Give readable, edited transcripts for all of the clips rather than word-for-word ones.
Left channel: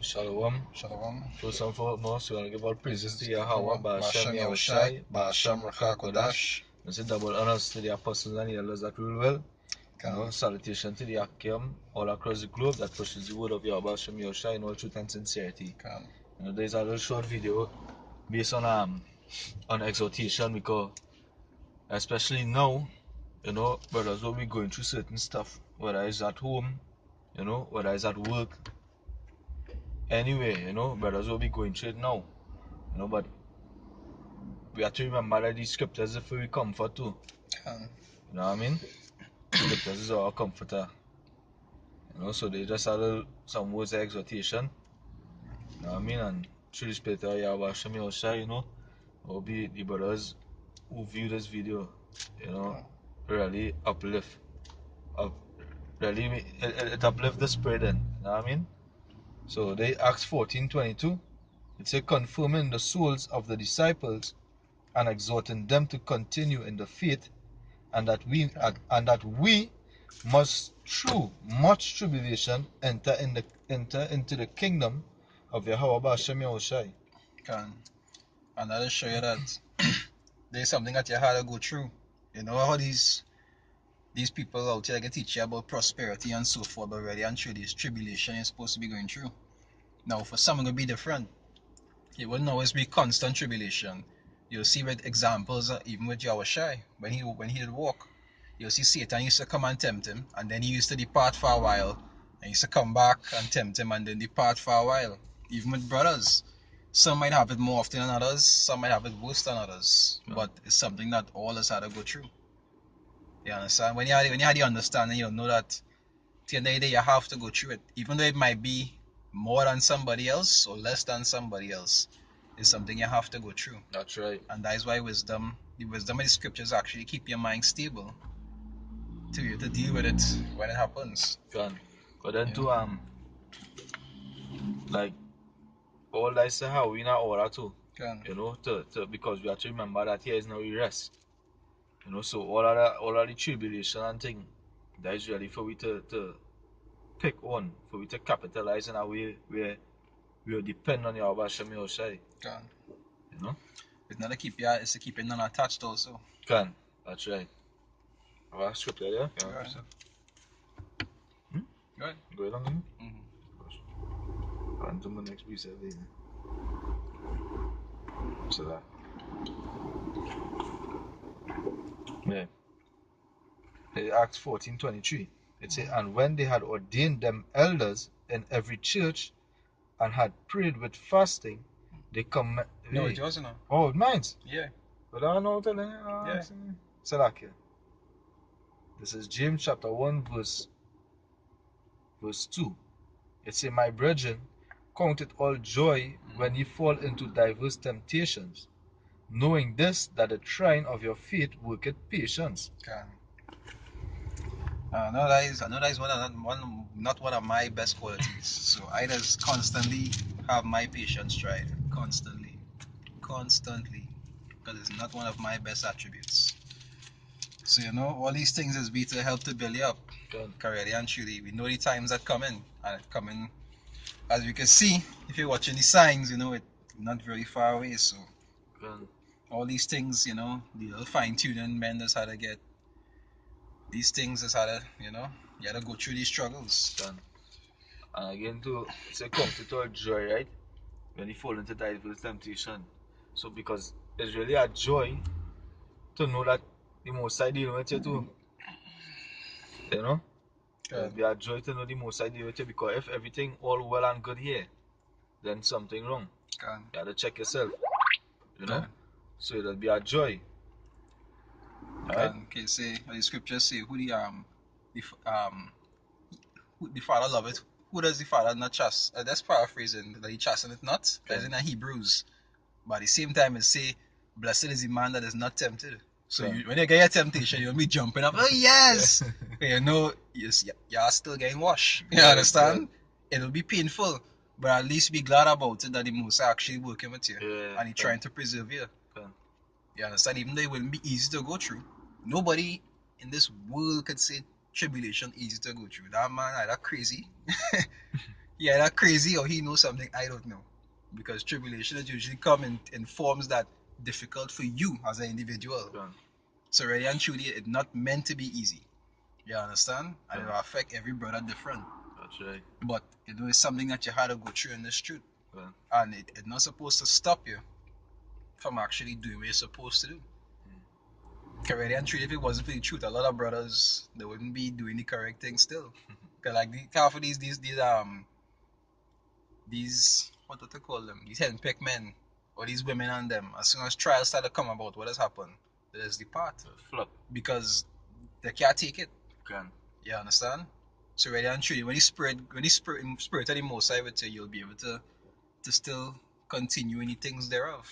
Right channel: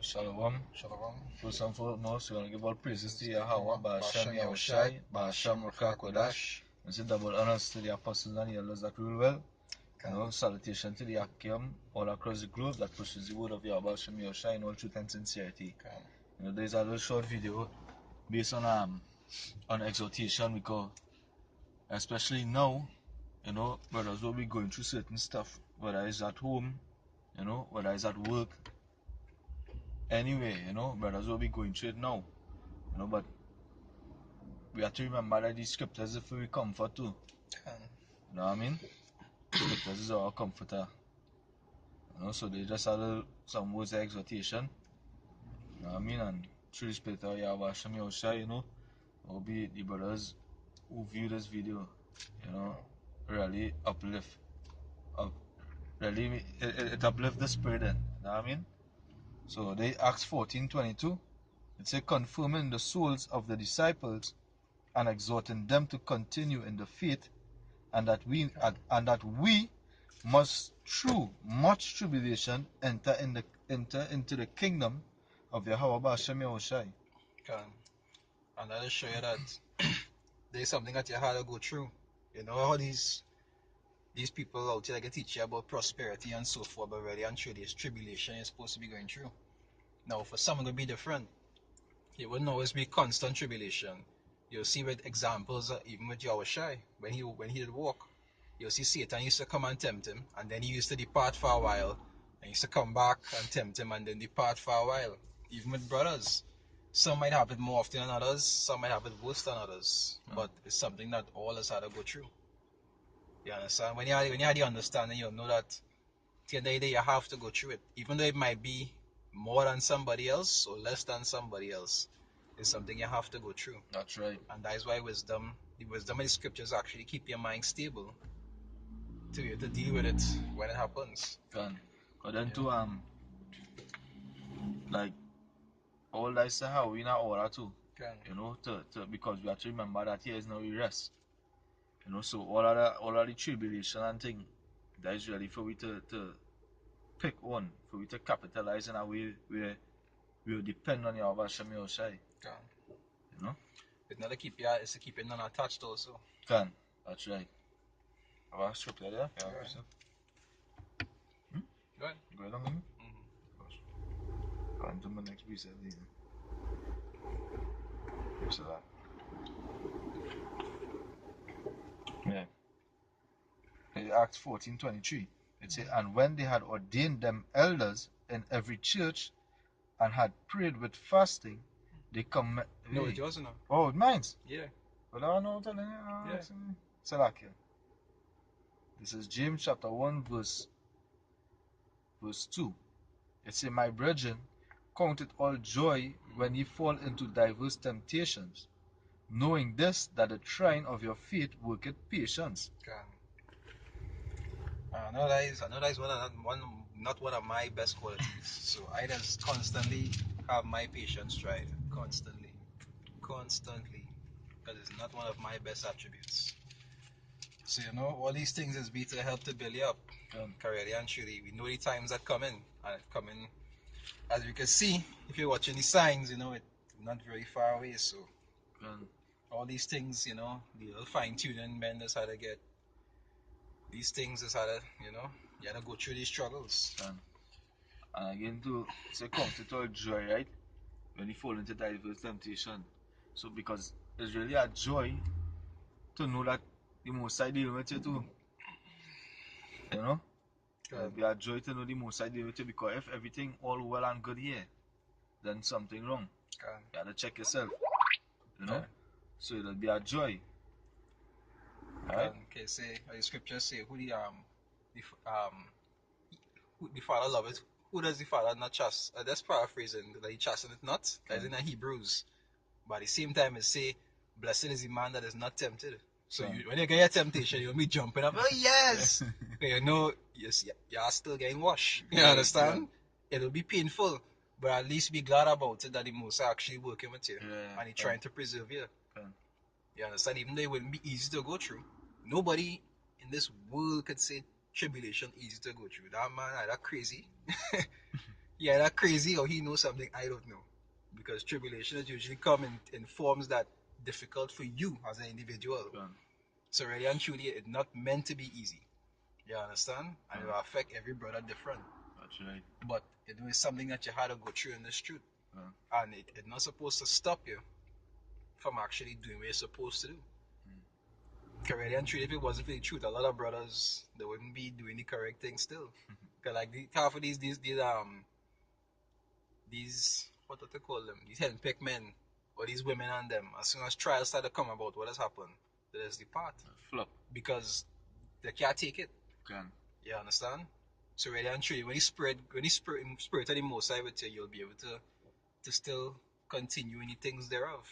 Shalom. Shalom. First and foremost, we want to give all praises to Yahweh, Ba'ashem Yahushai, Ba'ashem Ruach HaKodesh. We say double honors to the apostles and elders that rule well. Salutation to the Akim all across the globe that pushes the word of Yahweh, Ba'ashem Yahushai in all truth and sincerity. There's a little short video based on exhortation, because especially now, brothers will be going through certain stuff, whether it's at home, whether it's at work. Anyway, brothers will be going through it now. But we have to remember that these scriptures are for comfort too. You know what I mean? Scriptures is our comforter. So they just had some words of exhortation. You know what I mean? And through the spirit of Yahweh Hashem Yahushai, will be the brothers who view this video, really uplift. Really, it uplift the spirit then. You know what I mean? So they Acts 14:22. It says, confirming the souls of the disciples and exhorting them to continue in the faith, and that we must through much tribulation enter into the kingdom of Yahweh Ba'ashem Yahushai. And that'll show you that there's something that you had to go through. You know how these people out here can teach you about prosperity and so forth, but really and truly, this tribulation you're supposed to be going through. Now, for some, it'll be different. It wouldn't always be constant tribulation. You'll see with examples, even with Yahushai, when he did walk, you'll see Satan used to come and tempt him, and then he used to depart for a while, and he used to come back and tempt him, and then depart for a while. Even with brothers, some might have it more often than others, some might have it worse than others, but it's something that all of us had to go through. You understand? When you had the understanding, you'll know that at the end of the day, you have to go through it, even though it might be more than somebody else or less than somebody else. It's something you have to go through. That's right. And that is why the wisdom of the scriptures actually keep your mind stable to be able to deal with it when it happens. But then like all that is how we not order too. Because we have to remember that here is no rest. So all of the tribulation and thing, that is really for we to pick one, for we to capitalize in a way where we will depend on Yahweh Hashem Yahushai. It's not to keep you non-attached also. That's right. Have a scripture there? Go ahead. Go along. On to my next piece of it. So that. Yeah. Acts 14:23. It says, and when they had ordained them elders in every church and had prayed with fasting, they come. No, it yours now. Oh, mine's? Yeah. But I don't know telling you. Yeah. So that here. This is James chapter 1 verse 2. It says, my brethren, count it all joy when ye fall into diverse temptations, knowing this, that the trying of your faith worketh patience. I know that is not one of my best qualities. So I just constantly have my patience tried. Constantly. Because it's not one of my best attributes. So all these things is be to help to build you up. Really and truly, we know the times that come in, and it coming, as you can see, if you're watching the signs, it's not very far away. So all these things, the little fine-tuning men just had to get. These things just had to, you had to go through these struggles. And again, to say, count it all joy, right? When you fall into diverse temptation. So because it's really a joy to know that the Most High dealing with you too. It'll be a joy to know the Most High dealing with you, because if everything all well and good here, then something wrong. You have to check yourself. So it'll be a joy. Alright? Okay, say the scriptures say who the Father loveth. Who does the Father not trust? That's paraphrasing. That he trusted it not. As in Hebrews. But at the same time, it say, blessed is the man that is not tempted. So when you get your temptation, you'll be jumping up. Oh yes, you're still getting washed. You understand? It'll be painful, but at least be glad about it that the Most High actually working with you, and He's trying to preserve you. You understand? Even though it wouldn't be easy to go through, nobody in this world could say tribulation easy to go through. That man, that crazy. Yeah, that crazy or he knows something I don't know. Because tribulations usually come in forms that difficult for you as an individual. Yeah. So really and truly, it's not meant to be easy. You understand? And it will affect every brother different. That's right. But it's something that you had to go through in this truth. Yeah. And it's not supposed to stop you from actually doing what you're supposed to do. Because really and truly, if it wasn't for the truth, a lot of brothers they wouldn't be doing the correct thing still. Because like half of these what do they call them? These henpecked men or these women and them. As soon as trials start to come about, what has happened? There's the part Flip. because they can't take it. Can. You understand? So really and truly, when the spirit of the Most High with you, you'll be able to still continue in the things thereof.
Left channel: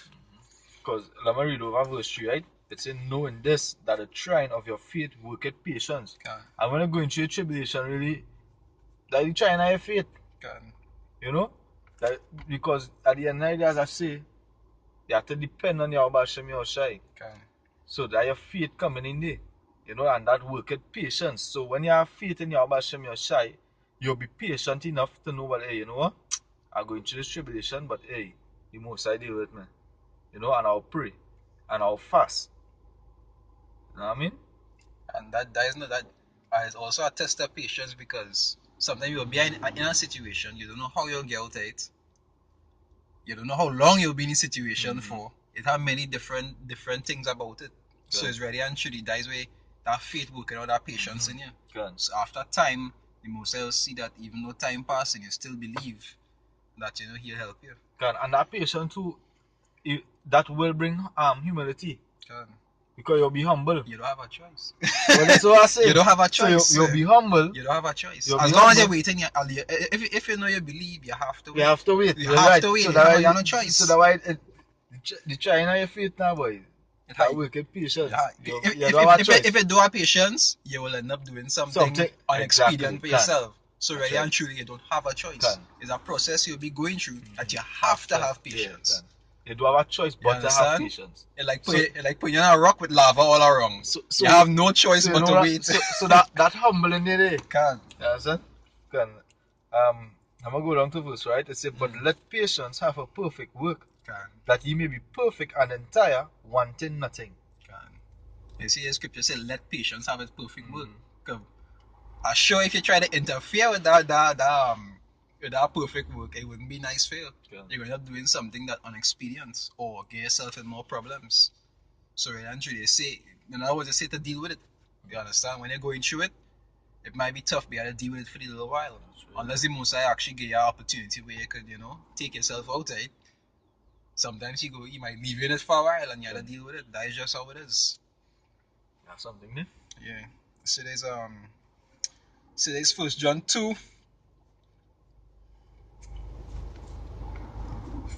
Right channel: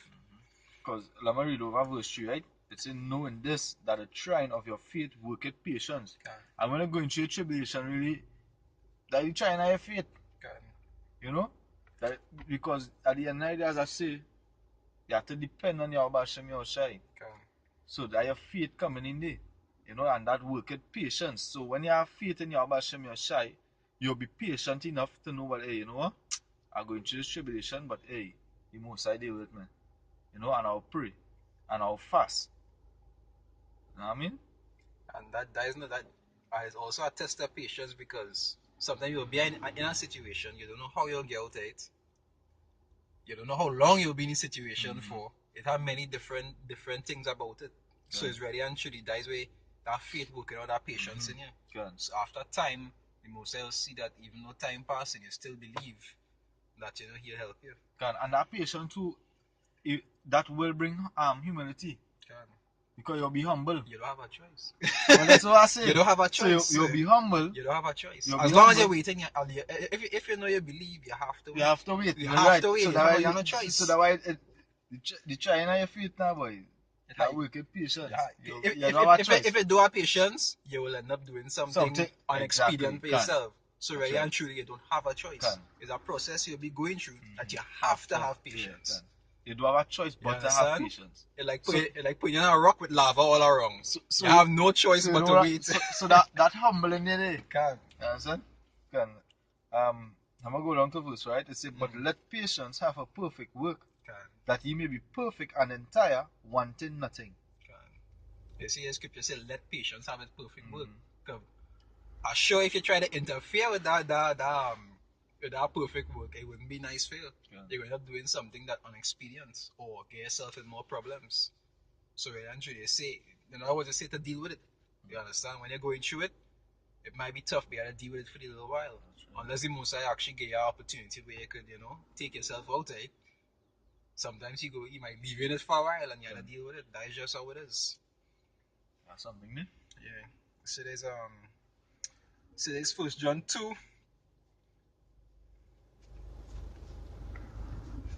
Because let me read over verse 3, right? It's saying, knowing this, that the trying of your faith worketh patience. Can. And when you're going through a tribulation, really, that you trying of your faith. Can. You know? That because at the end of the day, as I say, you have to depend on your Bashem Yoshai. Can. So that your faith coming in there. You know, and that worketh patience. So when you have faith in your Bashem Yoshai, you'll be patient enough to know what, hey, you know what? I'm going through this tribulation, but hey, the Most High deal with me. You know, and I'll pray. And I'll fast. You know what I mean? And that is not that is also a test of patience because sometimes you'll be in a situation you don't know how you'll get out of it. You don't know how long you'll be in a situation for. It has many different things about it. Good. So it's ready and truly that is where that faith working out that patience in you. Good. So after time, the Most High will see that even though time passing, you still believe that He'll help you. Good. And that patience too, that will bring humility. Good. Because you'll be humble. You don't have a choice. Well, that's what I say. You don't have a choice. So you'll be humble. You don't have a choice. You'll As long as you're waiting, if you know you believe, you have to wait. You have to wait. You have to wait. So you have no choice. So that why the trying of your faith now, boy. That wicked patience. You don't have a choice. If you do have patience, you will end up doing something unexpedient for yourself. So really and truly, you don't have a choice. It's a process you'll be going through that you have to have patience. You do have a choice, but to have patience. It's like putting in a rock with lava all around. So you have no choice but to wait. So that humbling there. Can. You understand? Can. I'm gonna go down to verse, right? It says, but let patience have a perfect work, that ye may be perfect and entire, wanting nothing. You see, the scripture says, let patience have its perfect work. I'm sure if you try to interfere with that perfect work, it wouldn't be nice for you. You're going to be doing something that unexperienced or get yourself in more problems. So eventually they say, in other words, they say to deal with it. You understand? When you're going through it, it might be tough, but you have to deal with it for a little while. Right. Unless the Most High actually give you an opportunity where you could, take yourself out of it. Sometimes he might leave you in it for a while and you have to deal with it. That is just how it is. That's something new. Yeah. So there's 1 John 2.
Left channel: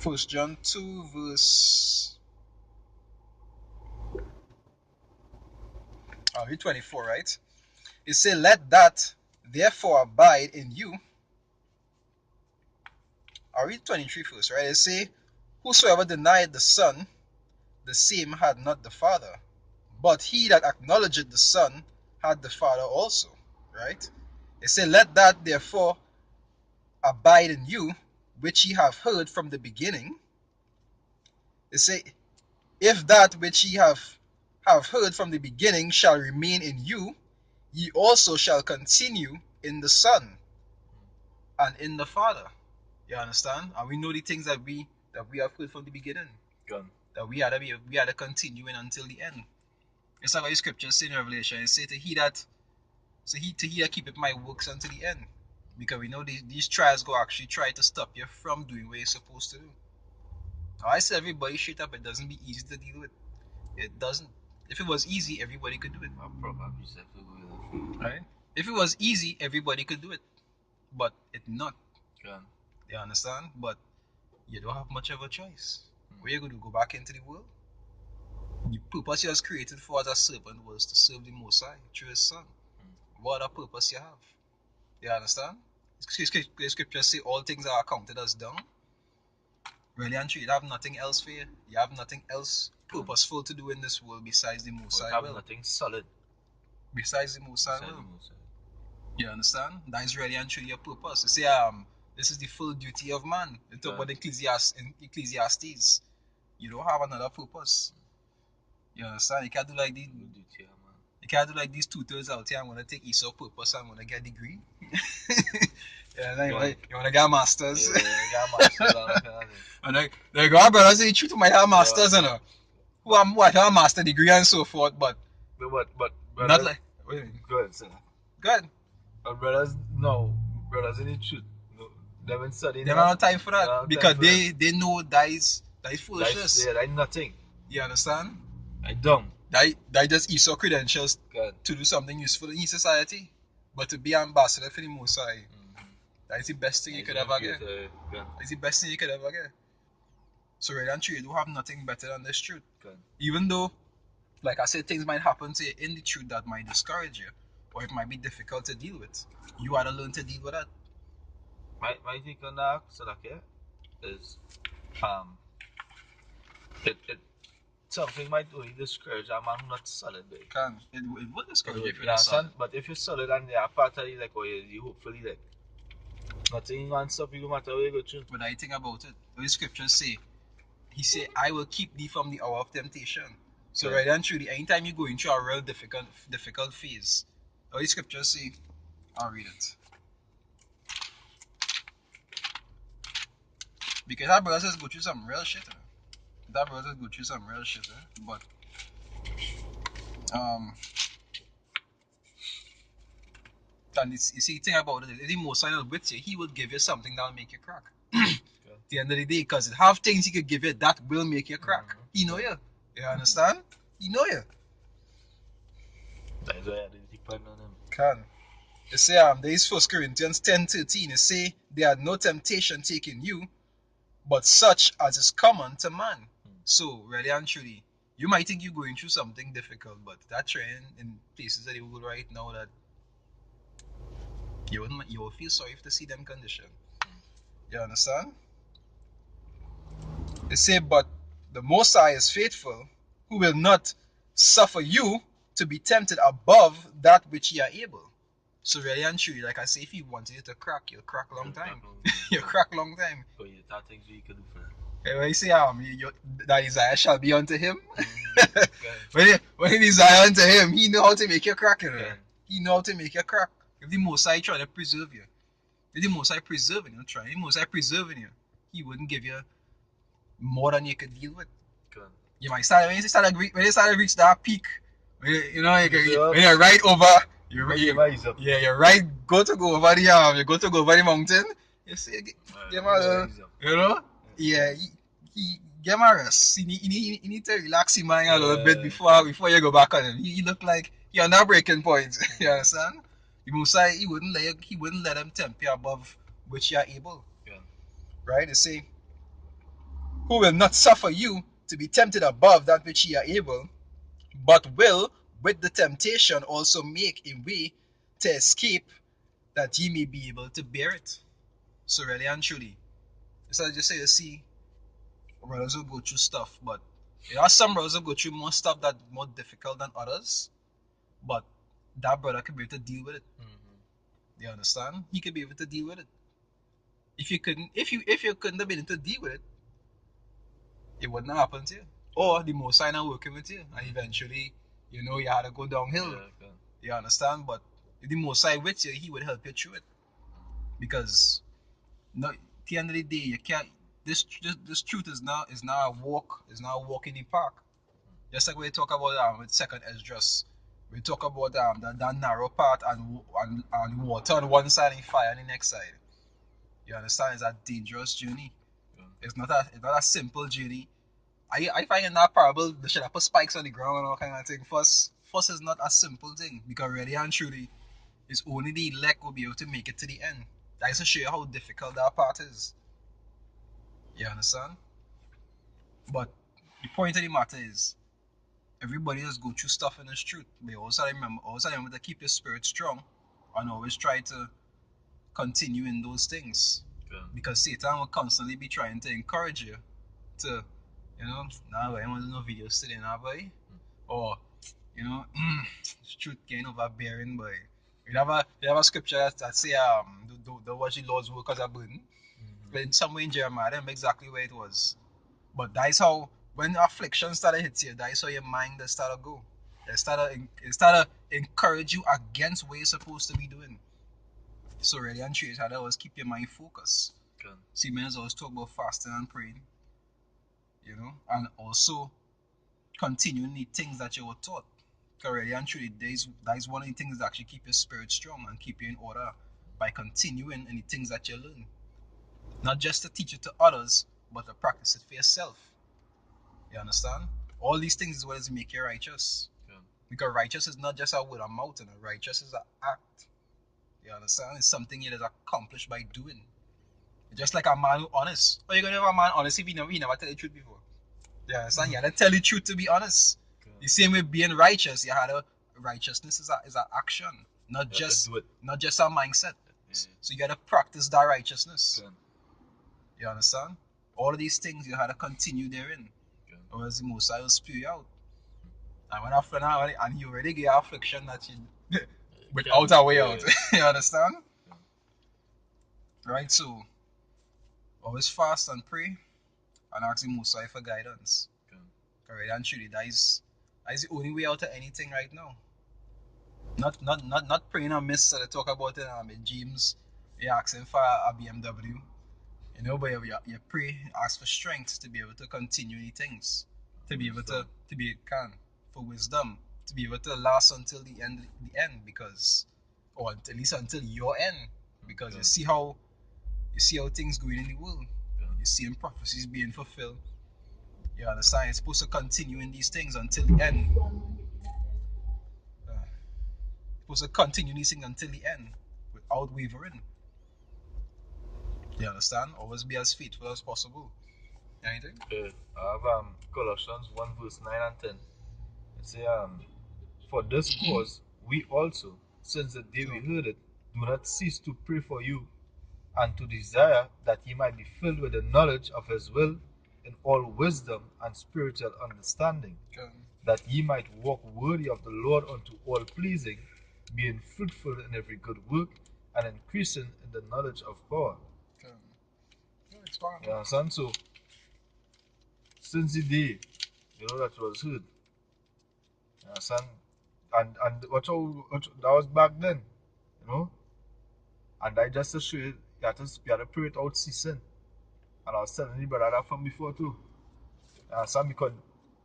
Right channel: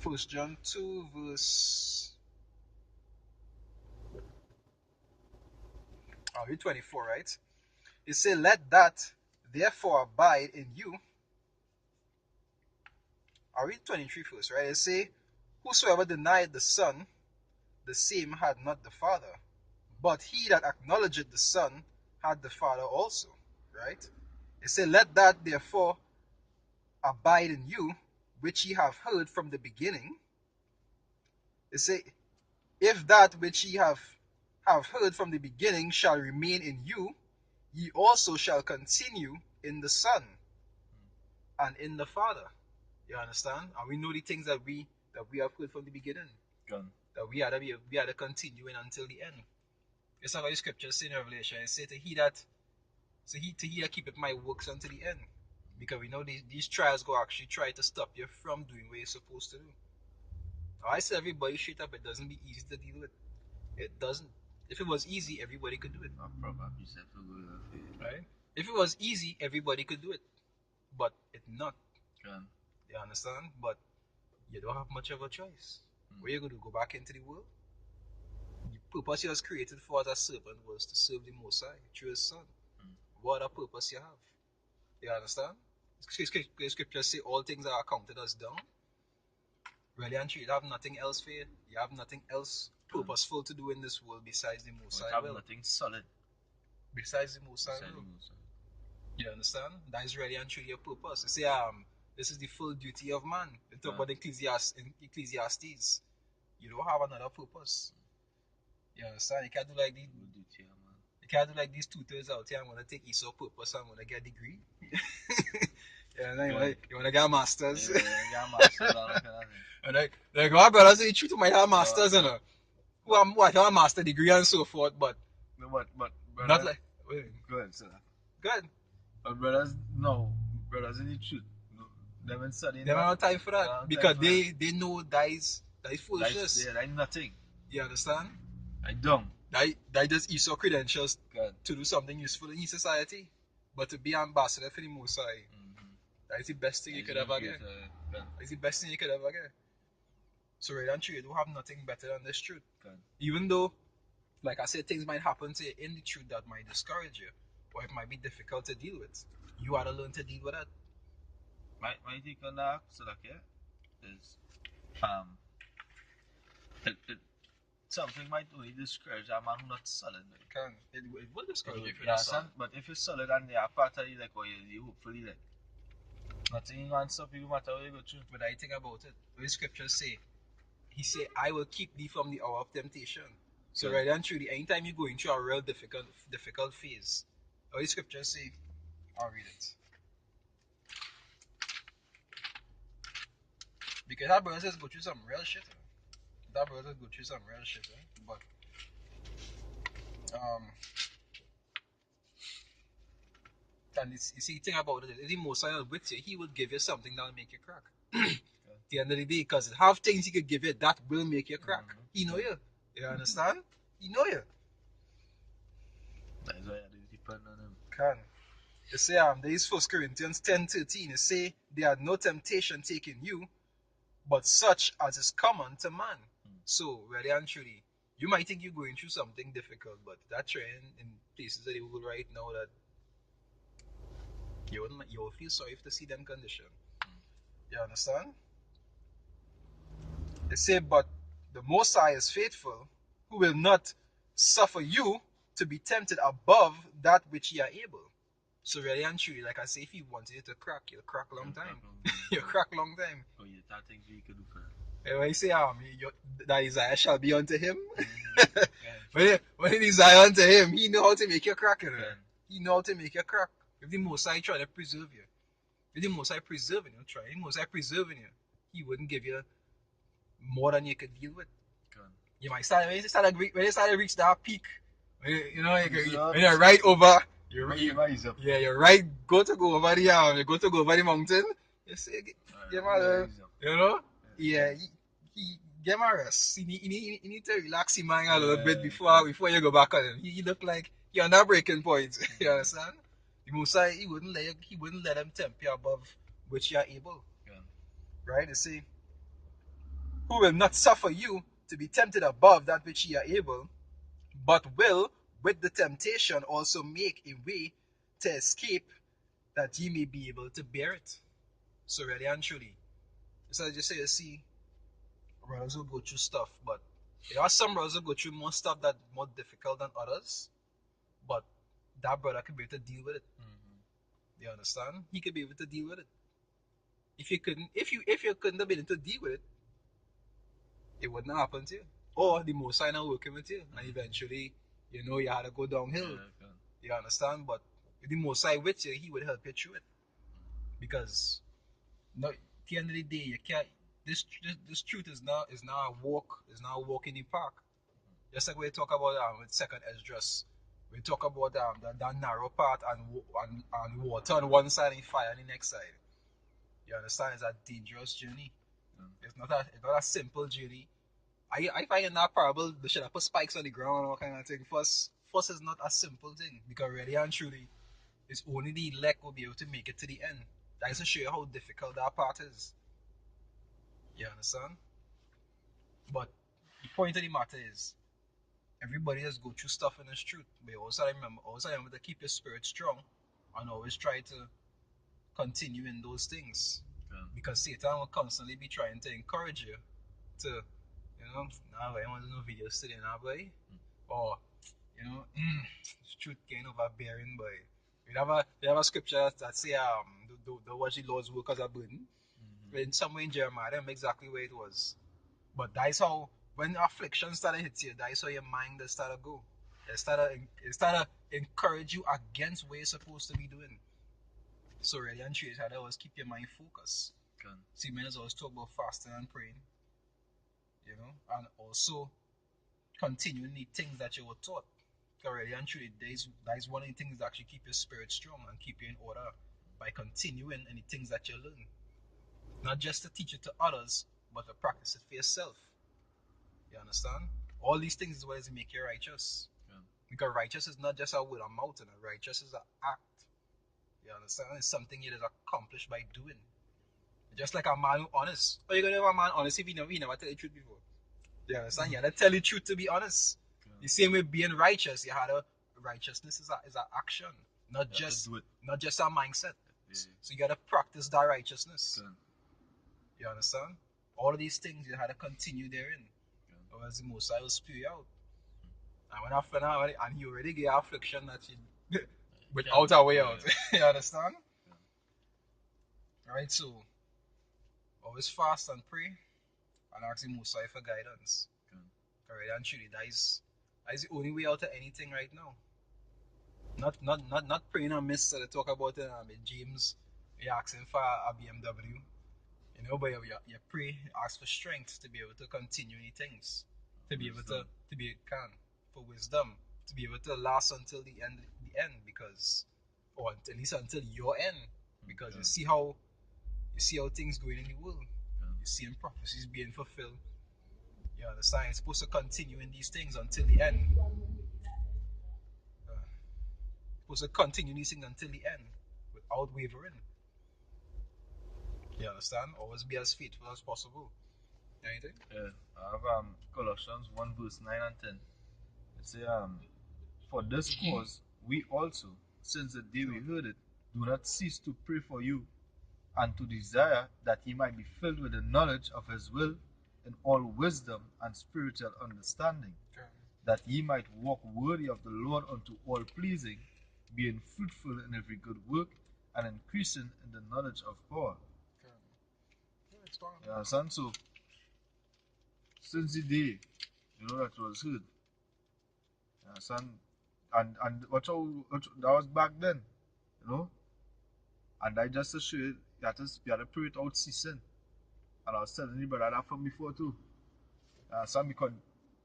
1 John 2 verse 24, right? It says, let that therefore abide in you. I'll read 23 first, right? It says, whosoever denied the Son, the same had not the Father. But he that acknowledgeth the Son had the Father also, right? It says, let that therefore abide in you, which ye have heard from the beginning. It says, if that which ye have heard from the beginning shall remain in you, ye also shall continue in the Son and in the Father. You understand? And we know the things that we have heard from the beginning. Good. That we had to continue in until the end. It's like the scripture say in Revelation. It say to he that keepeth my works until the end. Because we know these trials go actually try to stop you from doing what you're supposed to do. Now, I say everybody straight up, it doesn't be easy to deal with. It doesn't. If it was easy, everybody could do it. Right? If it was easy, everybody could do it. But it's not. Yeah. You understand? But you don't have much of a choice. Where you going to go back into the world? The purpose you was created for as a servant was to serve the Most High through His Son. What other purpose you have? You understand? The scriptures say all things are accounted as dung. Really and truly, you have nothing else for you. You have nothing else purposeful to do in this world besides the Most High will. You have nothing solid. Besides the Most High will. You understand? That is really and truly your purpose. You see, This is the full duty of man. You talk about Ecclesiastes. You don't have another purpose. You understand? You can't do like these. You can't do like these tutors out here. I'm gonna take Esau purpose. I'm gonna get a degree. Yeah, you want to get a master's. Yeah, masters and like our brothers, they treat my have masters, you know. Who have a master degree and so forth, but not like. Good, sir. Good. But brothers, no, brothers in the truth, no, they haven't studied. They don't have time for that because they know that is foolishness. Yeah, that's nothing. You understand? I don't. That just Esau credentials to do something useful in society, but to be ambassador for the Most High, that is the best thing you could ever get. It's the best thing you could ever get. So right and true, you don't have nothing better than this truth. Even though, like I said, things might happen to you in the truth that might discourage you, or it might be difficult to deal with. You had to learn to deal with that. My take on that, so like, is it something might only discourage a man who not solid. It will discourage you if you're not solid. But if you're solid and you're part of it, like, or you hopefully like nothing can stop you no matter where you go through. But I think about it. The scriptures say, He said, I will keep thee from the hour of temptation. So right and truly, anytime you go into a real difficult phase, what the scriptures say, I'll read it. Because our brothers go through some real shit. But and you see, think about it. The Most High with you, He will give you something that'll make you crack. At the end of the day, because have things He could give you that will make you crack. He know you. You understand? He know you. That's why I depend on Him. Can. You say, there is 1 Corinthians 10:13. You say, there had no temptation taken you, but such as is common to man. So, really and truly, you might think you're going through something difficult, but that trend in places that you will right now that you will feel sorry to see them condition. You understand? They say, but the Most High is faithful, who will not suffer you to be tempted above that which ye are able. So really and truly, like I say, if you wanted it to crack, you'll crack long time. You'll crack long time. So you thought things you could do for that. When you say that desire shall be unto him, when you desire unto him, he know how to make you crack. He know how to make you crack. If the Most High try to preserve you, if the Most High preserving you, He wouldn't give you more than you could deal with. You might start when you start to reach that peak. When you're right over. You're right. Go over the mountain. You say, give him a, yeah. He give him a rest. He need to relax his mind a little bit before you go back on him. He look like you're on that breaking point. You understand? The Most High, he wouldn't let him tempt you above which you are able. Right? They say, who will not suffer you to be tempted above that which ye are able, but will with the temptation also make a way to escape, that ye may be able to bear it. So really and truly, so I just say, you see, brothers will go through stuff, but there are some brothers who go through more stuff that's more difficult than others, but that brother could be able to deal with it. You understand? He could be able to deal with it. If you couldn't have been able to deal with it, it wouldn't happen to you. Or the Most High not working with you, and eventually, you had to go downhill. You understand? But if the Most High with you, He would help you through it. Because at the end of the day, you can't. This truth is not a walk. Is not a walk in the park. Just like we talk about with second Esdras, we talk about that narrow path and water on one side and fire on the next side. You understand? It's a dangerous journey. It's not a simple journey. I find in that parable they should have put spikes on the ground and all kind of thing. First is not a simple thing, because really and truly, it's only the elect will be able to make it to the end. That is to show you how difficult that part is. You understand? But the point of the matter is, everybody just go through stuff in this truth. But you also remember to keep your spirit strong and always try to continue in those things. Because Satan will constantly be trying to encourage you to, nah, boy, I want to do no videos today, nah, boy. Or, truth getting overbearing, boy. You have a scripture that say the watch the Lord's work as a burden. In somewhere in Jeremiah, I don't remember exactly where it was. But that's how when affliction started hit you, that's how your mind started to go. It started encourage you against what you're supposed to be doing. So really and truly, how to always keep your mind focused. Good. See, men always talk about fasting and praying, and also continuing the things that you were taught. Because really and truly, that is one of the things that actually keep your spirit strong and keep you in order by continuing in the things that you learn. Not just to teach it to others, but to practice it for yourself. You understand? All these things is what does make you righteous. Yeah. Because righteous is not just a word or mouth, and righteous is an act. You understand? It's something it is accomplished by doing. Just like a man who honest. How you gonna have a man honest if he never tell the truth before? You understand? You gotta tell the truth to be honest. Yeah. The same way being righteous, you had a righteousness is an action, not just a mindset. So you gotta practice that righteousness. Good. You understand? All of these things you had to continue therein. Or else the Most High will spew you out. And when after now, and he already gave affliction that you without a way out. You understand? Right? So always fast and pray and ask the Most High for guidance. Alright, and truly that is the only way out of anything right now. Not praying on miss so they talk about it in James, you're asking for a BMW. But you pray, ask for strength to be able to continue the things. To be able to be for wisdom, to be able to last until the end, because, or at least until your end, because you see how things going in the world. You see prophecies being fulfilled. You understand? You're supposed to continue in these things until the end. Supposed to continue these things until the end without wavering. You understand? Always be as faithful as possible. Anything? Yeah. I have Colossians 1 verse 9 and 10. It says, for this cause we also, since the day we heard it, do not cease to pray for you, and to desire that ye might be filled with the knowledge of his will in all wisdom and spiritual understanding, that ye might walk worthy of the Lord unto all pleasing, being fruitful in every good work, and increasing in the knowledge of God. You understand? So, since the day, that was heard, you understand? And watch how that was back then, and I just to show you that you had to pray without ceasing. And I was telling you brother that from before too. You understand? Because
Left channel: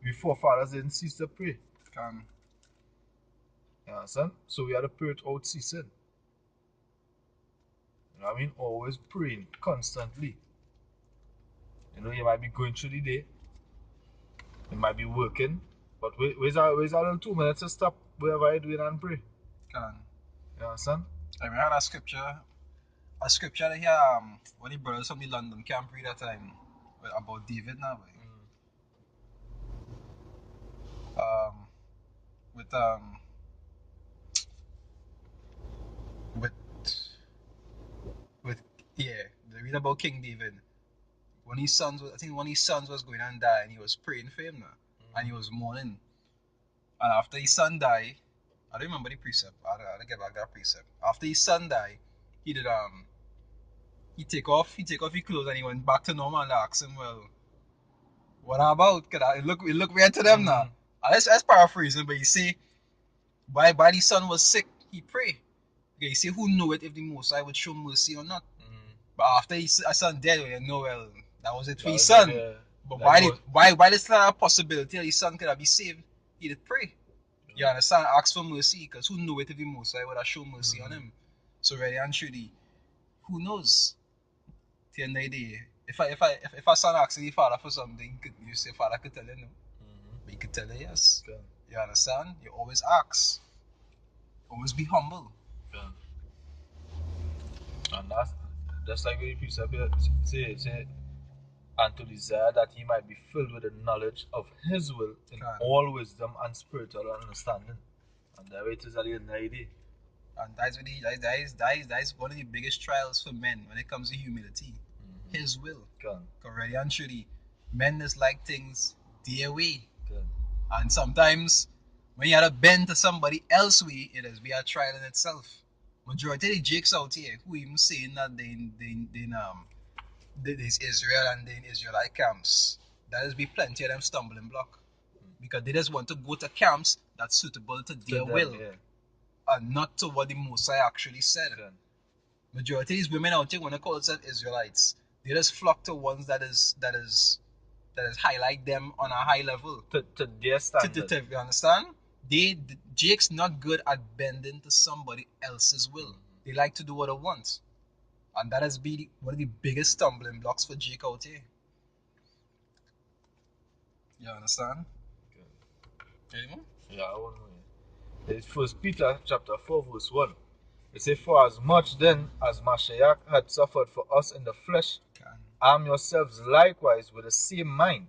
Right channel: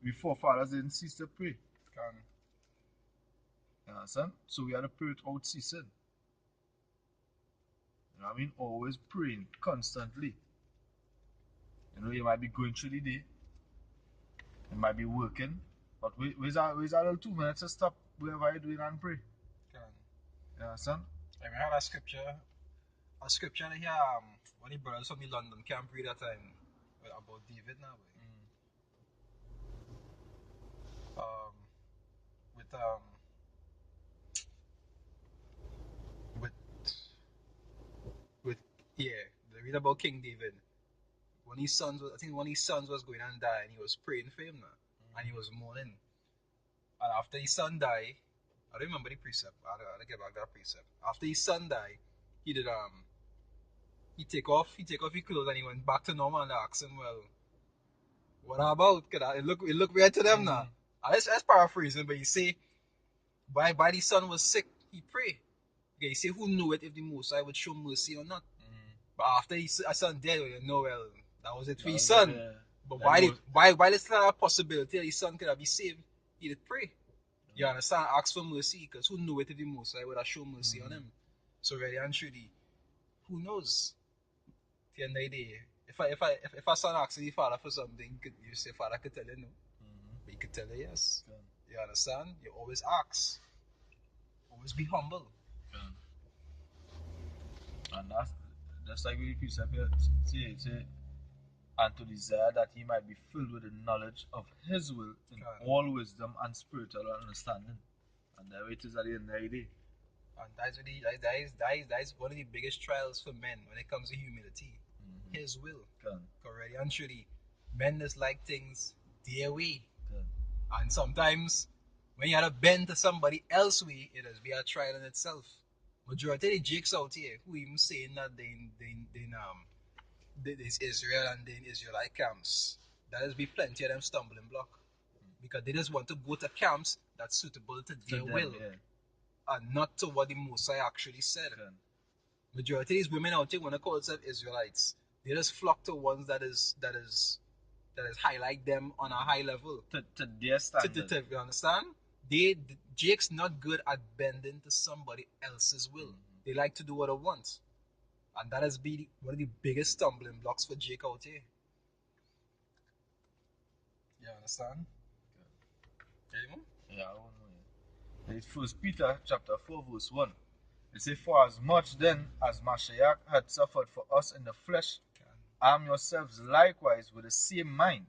we forefathers didn't cease to pray. You understand? So we had to pray without ceasing. You know what I mean? Always praying constantly. You might be going through the day, you might be working, but where's our little 2 minutes to stop wherever you're doing and pray? You understand? I mean, I had a scripture here, when the brothers from the London camp read that time about David now. With they read about King David. When his sons was going and die, and he was praying for him now, and he was mourning. And after his son died, I don't remember the precept. I had to get back that precept. After his son died, he did he take off his clothes and he went back to normal and asked him, well, what about? Cause it look weird to them now. That's paraphrasing, but you see, while the son was sick, he prayed. Okay, you see, who knew it if the Most High would show mercy or not? But after his son dead, well, that was it for his son. But why is there a possibility that his son could have been saved? He did pray. You understand? Ask for mercy, because who knew it if the Most High would have shown mercy on him? So really and truly, who knows? At the end of the day, if a son asks the father for something, you say father could tell you no. But he could tell you yes. You understand? You always ask. Always be humble. And that's just like the precept say, and to desire that he might be filled with the knowledge of his will in all wisdom and spiritual understanding. And there it is at the end of the day. And that is one of the biggest trials for men when it comes to humility. His will. Already and truly, men just like things their way. And sometimes when you have to bend to somebody else's way, it has been a trial in itself. Majority of the Jakes out here who even saying that there's Israel and then Israelite camps. There's be plenty of them stumbling block. Because they just want to go to camps that's suitable to their them, will. yeah. And not to what the Mosai actually said. Okay. Majority of these women out here want to call themselves Israelites. They just flock to ones that is highlight them on a high level. To their standard. You understand? Jake's not good at bending to somebody else's will. They like to do what they want. And that has been one of the biggest stumbling blocks for Jake out here. You understand? Okay. Anyone? Yeah, I want to know. It's First Peter chapter 4 verse 1. It says, "For as much then as Mashiach had suffered for us in the flesh, arm yourselves likewise with the same mind.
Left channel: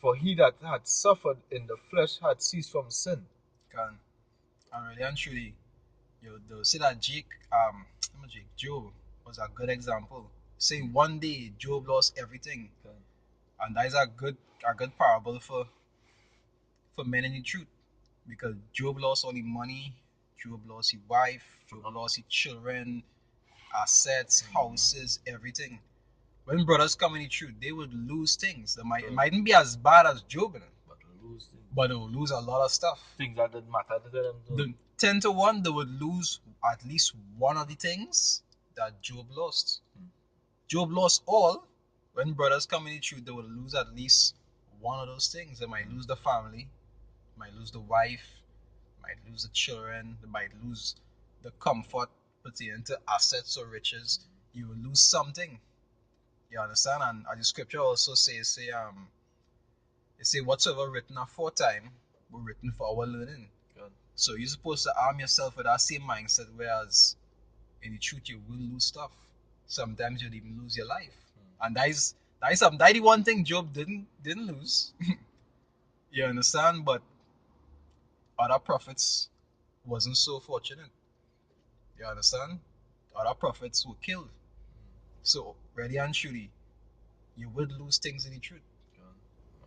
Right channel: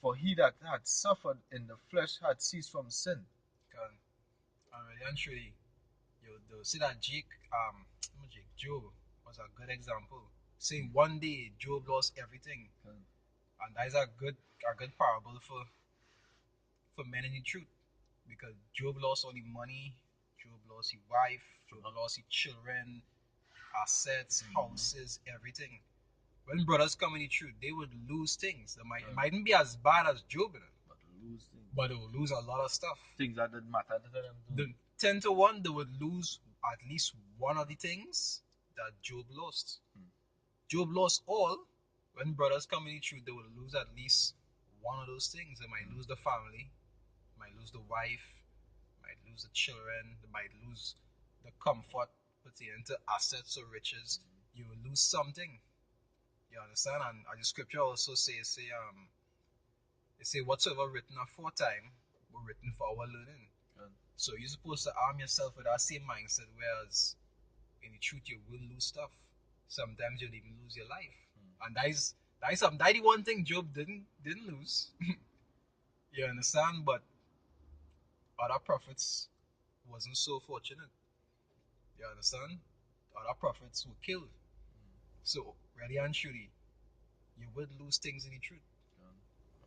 For he that had suffered in the flesh had ceased from sin." And really and truly, they'll say that Job was a good example. Saying one day Job lost everything. And that is a good parable for men in the truth. Because Job lost all his money, Job lost his wife, Job lost his children, assets, houses, everything. When brothers come in the truth, they would lose things. It mightn't be as bad as Job, but they will lose a lot of stuff. Things that didn't matter to them. The 10 to 1, they would lose at least one of the things that Job lost. Job lost all. When brothers come in the truth, they will lose at least one of those things. They might lose the family, might lose the wife, might lose the children, they might lose the comfort pertaining to assets or riches. You will lose something. You understand? And the scripture also says, it say whatsoever written aforetime were written for our learning. Good. So you're supposed to arm yourself with that same mindset, whereas in the truth you will lose stuff. Sometimes you'll even lose your life. And that is the one thing Job didn't lose. You understand? But other prophets wasn't so fortunate. You understand? Other prophets were killed. So really and truly, you would lose things in the truth.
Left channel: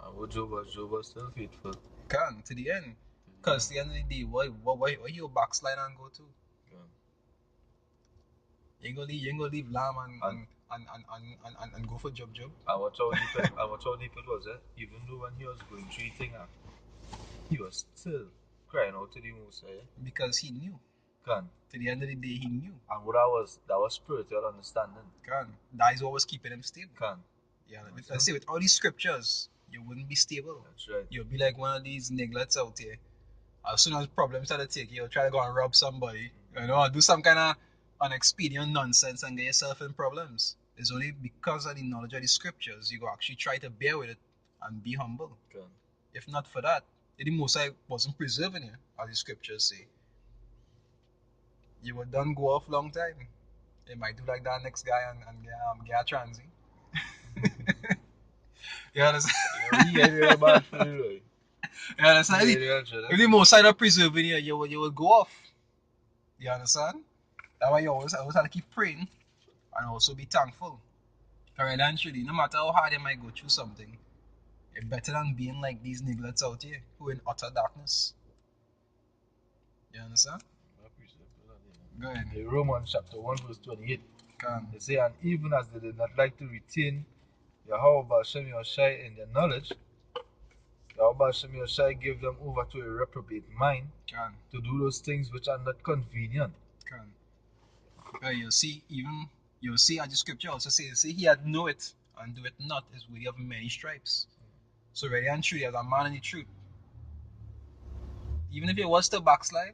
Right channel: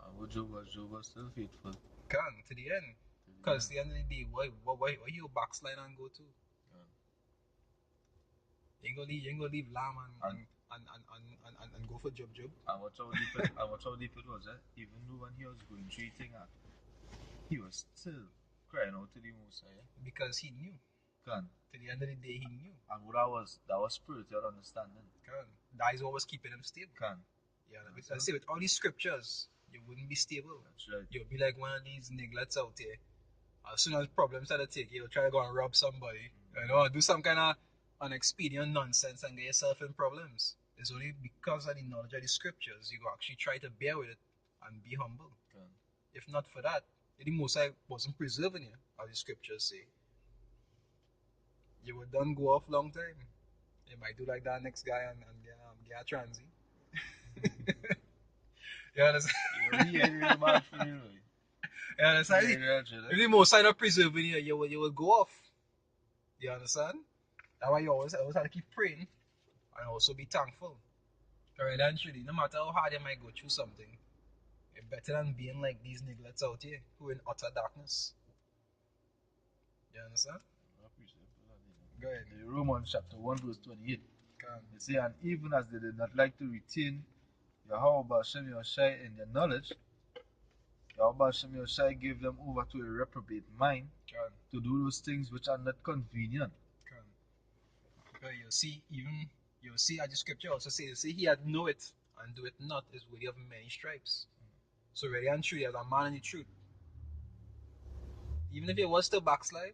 And Job was still faithful. Can to the end. Because at the end of the day, where you backslide and go to? You ain't gonna leave lamb and go for job. And watch how deep it was, eh? Even though when he was going through the thing, he was still crying out to the Most High. Because he knew. Can. To the end of the day, he knew. And what that was spiritual understanding. Can. That is what was keeping him stable. Can. Yeah, let's say with all these scriptures, you wouldn't be stable. That's right. You'll be like one of these nigglets out there. As soon as problems start to take you, you'll try to go and rob somebody. You know, do some kind of unexpedient nonsense and get yourself in problems. It's only because of the knowledge of the scriptures you go actually try to bear with it and be humble. Can. If not for that, the Most High wasn't preserving you, as the scriptures say, you would done go off long time. They might do like that next guy and get a transy. You understand? Yeah, bad for you, right? You understand? If the Most High not preserving you, you will go off. You understand? That's why you always have to keep praying and also be thankful. Alright, actually, no matter how hard you might go through something, it's better than being like these nigglets out here who are in utter darkness. You understand? Go ahead. In Romans chapter 1 verse 28. Can. It says, "And even as they did not like to retain Yahweh Hashem Yoshai in their knowledge, Yahweh Hashem Yoshai gave them over to a reprobate mind to do those things which are not convenient." You'll see as the scripture also says, he had know it and do it not is worthy of many stripes. So really and truly, as a man in the truth, even if it was to backslide,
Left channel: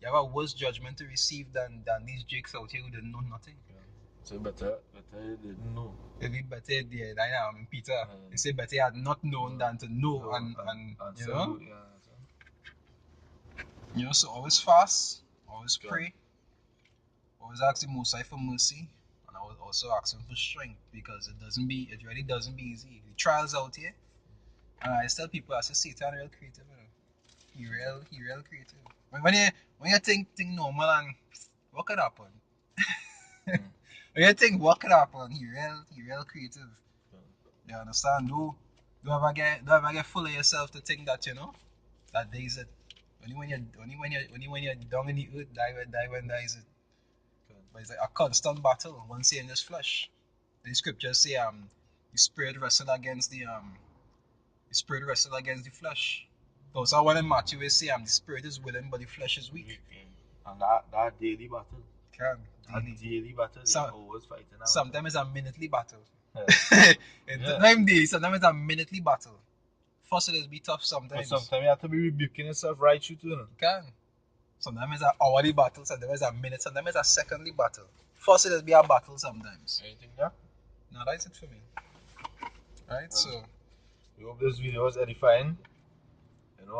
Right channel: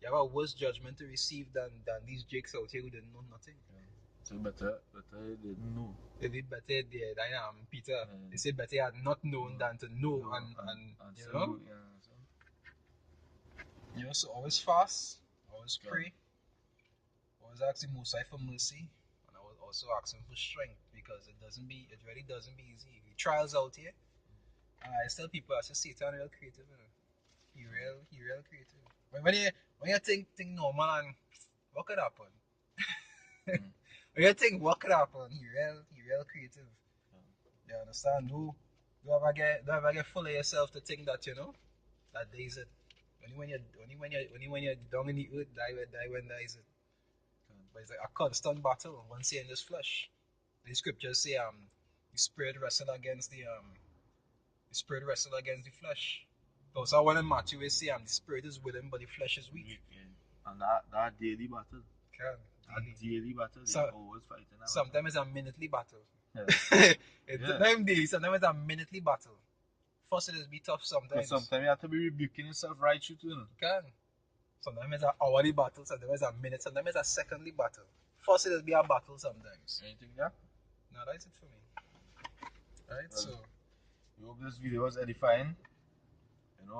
you have a worse judgment to receive than these jakes out here who didn't know nothing. So better he didn't know. It'd be better Peter. They say better had not known than to know and you know. You know, so always fast, always pray, always ask the Most High for mercy, and I was also asking for strength, because it really doesn't be easy. The trials out here, and I tell people, I say Satan real creative, he real creative. When you think normal and what could happen? When you think what could happen, he real creative. You understand? Don't ever get full of yourself to think that, you know, that days it. Only when you're down in the earth, die when dies it. But it's like a constant battle once you're in this flesh. The scriptures say the spirit wrestle against the flesh. Also one in Matthew is say the spirit is willing but the flesh is weak. And that daily battle. Daily battle, So, always fighting. Sometimes it's a minutely battle. Yeah. Sometimes it's a minutely battle. First it is be tough sometimes. Sometimes you have to be rebuking yourself right through too. Can. Sometimes it's an hourly battle, sometimes it's a minute, sometimes it's a secondly battle. First it is be a battle sometimes. Anything there? No, that's it for me. Right, Well, so we hope this video was edifying. And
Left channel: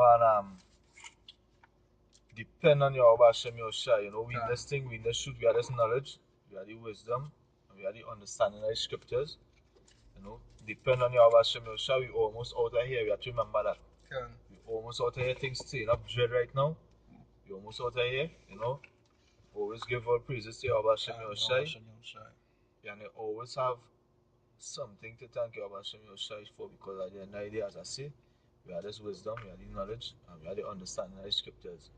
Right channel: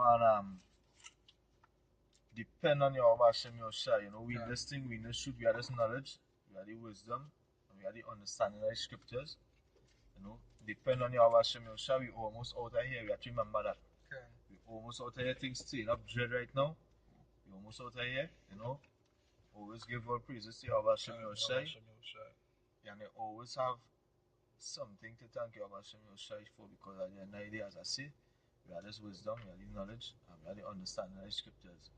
depend on your Hashem Yoshai. We in this thing, we in this shoot, we have this knowledge, we have the wisdom, and we have the understanding of the scriptures. Depend on your Hashem Yoshai, we almost out of here. We have to remember that. We almost out of here. Things staying up dread right now. We almost out of here. Always give all praises to your Hashem Yoshai. And they always have something to thank your Hashem Yoshai for, because at the end of the day, as I say, we have this wisdom, we have the knowledge, and we have the understanding of the scriptures.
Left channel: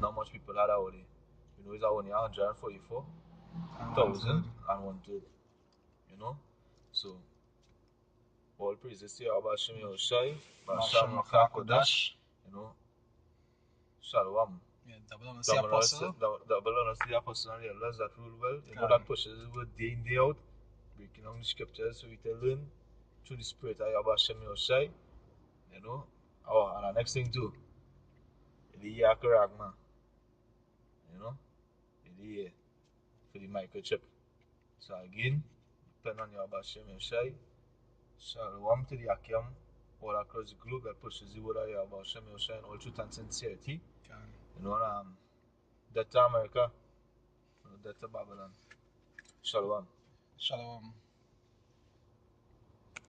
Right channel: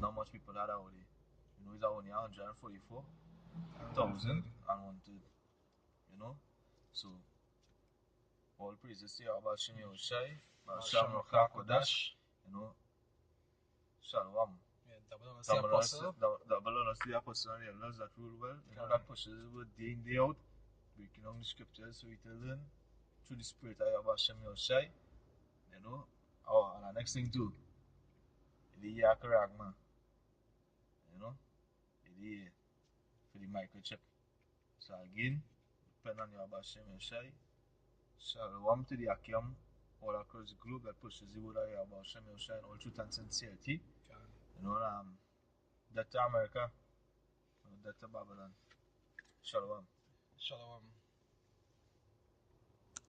Not much people have that already. It's only 144,000 and 1/3. So all praises to Yahweh Hashem Yahushai, Basham Maka Kodash, Shalom. Double honors the apostle. Double honors to the apostle and the elders that rule well. That pushes the word day in, day out, breaking down the scriptures so we can learn through the spirit of Yahweh Hashem Yahushai. And the next thing too, the Yakaragma. The for the microchip. So again, depend on your Hashem Yoshai. Shalom to the Akim all across the globe that pushes the word of your Hashem Yoshai in all truth and sincerity. Death to America, death to Babylon. Shalom. Shalom.